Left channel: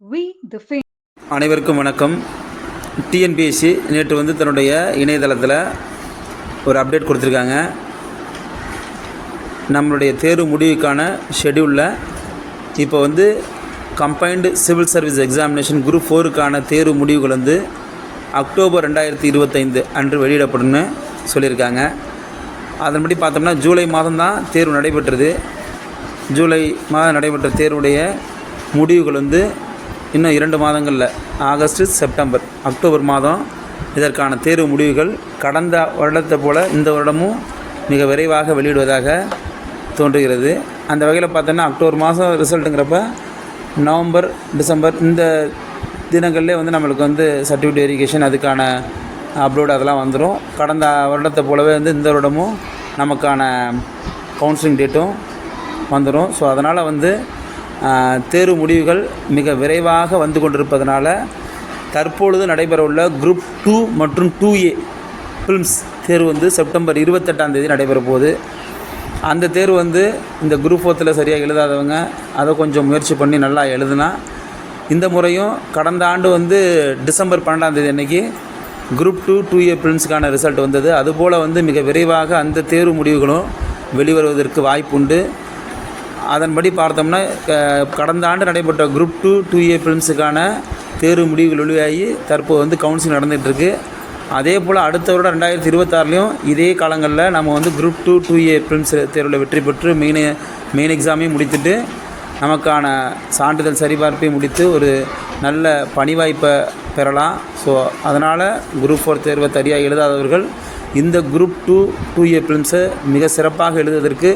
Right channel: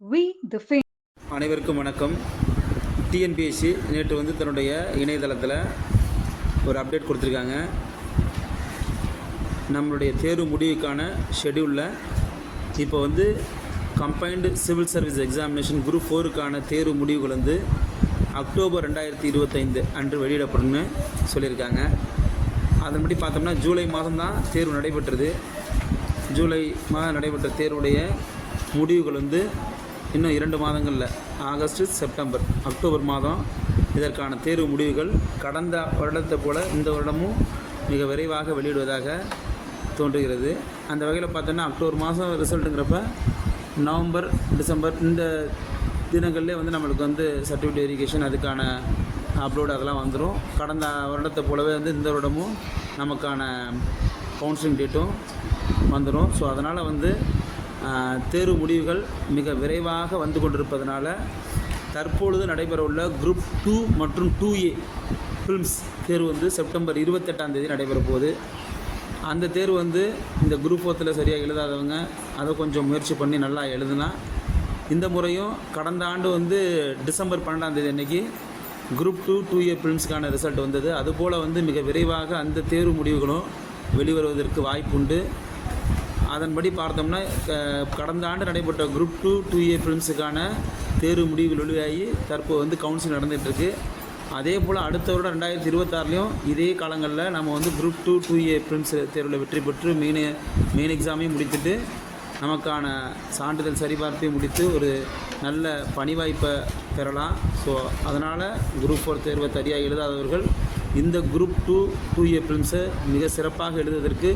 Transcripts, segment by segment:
We the fame. அனைவருக்கும் வணக்கம். TNPSC நேற்று தன்னுடைய இணையதளத்தில் ஒரு அப்டேட் கொடுத்துருக்காங்க. நம்மளுடைய தேர்வு முடிவுக்கான ஷெடியூலில் இப்போ combined civil service examination group 4க்கான தேர்வு முடிவுகள் அக்டோபர் 2025 அன்று வெளியிடப்படும்னு சொல்லியிருக்காங்க. அதன்படி பார்த்தோம்னா ஜூலை மாதம் தான் தேர்வு நடைபெற்றது. ஜூலை மாதம் நடைபெற்ற தேர்வுடைய முடிவுகள் இன்னும் 2 மாதங்களில் ஆகஸ்ட், செப்டம்பர், அக்டோபர் மாதம் இதற்கான தேர்வு முடிவுகள் கடந்த வருடத்தை போல் இந்த வருடமும் மிக விரைவாக வெளியிடுவதாக தோன்றுகிறது. அந்த வகையில் பார்த்தோன்னா அக்டோபர் மாதம் ரிசல்ட்டுங்கிறப்ப நவம்பர், டிசம்பர் இந்த தினங்கள்லேயே நம்மளுக்கு சர்டிஃபிகேட் வெரிஃபிகேஷன் அதுக்கான அப்லோடு அதெல்லாம் வந்துடும். கடந்த வருடத்தை போலவே இந்த வருடமும் நமக்கான கவுன்சிலிங் டேட்டும் வந்துடும். ஸோ அதனால் தேர்வு முடிவுகள் மிக விரைவாக வந்து கொண்டிருப்பதனால தற்பொழுது நடைபெறவுள்ள குரூப் 2 மற்றும் 2A ஃபிலிம்ஸ் தேர்வு செப்டம்பர் 28 நடைபெற போகுது. அந்த தேர்வு இந்த குரூப் 4த்தில் சரியாக எழுதாதவங்க அதை கொஞ்சம் முயற்சி பண்ணி நல்லா எழுதுனா, இந்த முறையும் கடந்த ஆண்டு டிசம்பர் 12 அன்றைக்கி குரூப் 2 2A ஃபிலிம்ஸுக்கான ரிசல்ட் வந்தது. அதுபோல் மிக விரைவாக அந்த தேர்வு முடிவுகளும் வெளிவருவதற்கு வாய்ப்புண்டு. அதன்படி பார்த்தோம்னா கடந்த ஆண்டு நடைபெற்ற குரூப் 2 2A ஃபிலிம்ஸுக்கான தேர்வு முடிவுகள் வெளியாகி தற்போது கவுன்சிலிங் நடந்துகிட்ருக்கு. அதே போல் அடுத்த வருடம் 2026லையும் இதே காலங்களில் நம்ம குரூப் 2 2A ஃபிலிம்ஸ் தேர்வில் வெற்றி பெற்று மெயின் எக்ஸாமையும் முடித்துட்டு நமக்கான சான்றிதழ் சரிபார்ப்பையும் முடித்து ஒரு நல்ல பணி வாய்ப்பை பெறலாம். ஸோ அதனால் குரூப் 4 தேர்வை சரியாக எழுதாதவர்கள் இந்த குரூப் 2 2A ஃபிலிம்ஸை மிக சிறப்பாக எழுதுவதற்கு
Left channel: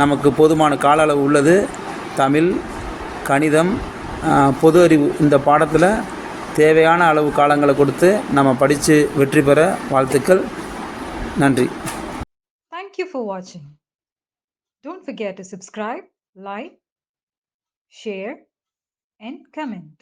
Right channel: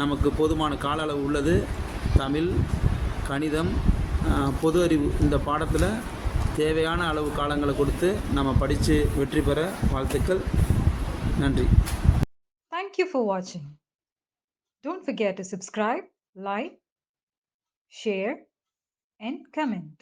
நமக்கு போதுமான கால அளவு உள்ளது. தமிழ், கணிதம், பொது அறிவு இந்த பாடத்தில் தேவையான அளவு காலங்களை கொடுத்து நம்ம படித்து வெற்றி பெற வாழ்த்துக்கள். நன்றி. Thank you for watching. Don't forget to subscribe, like, share and comment.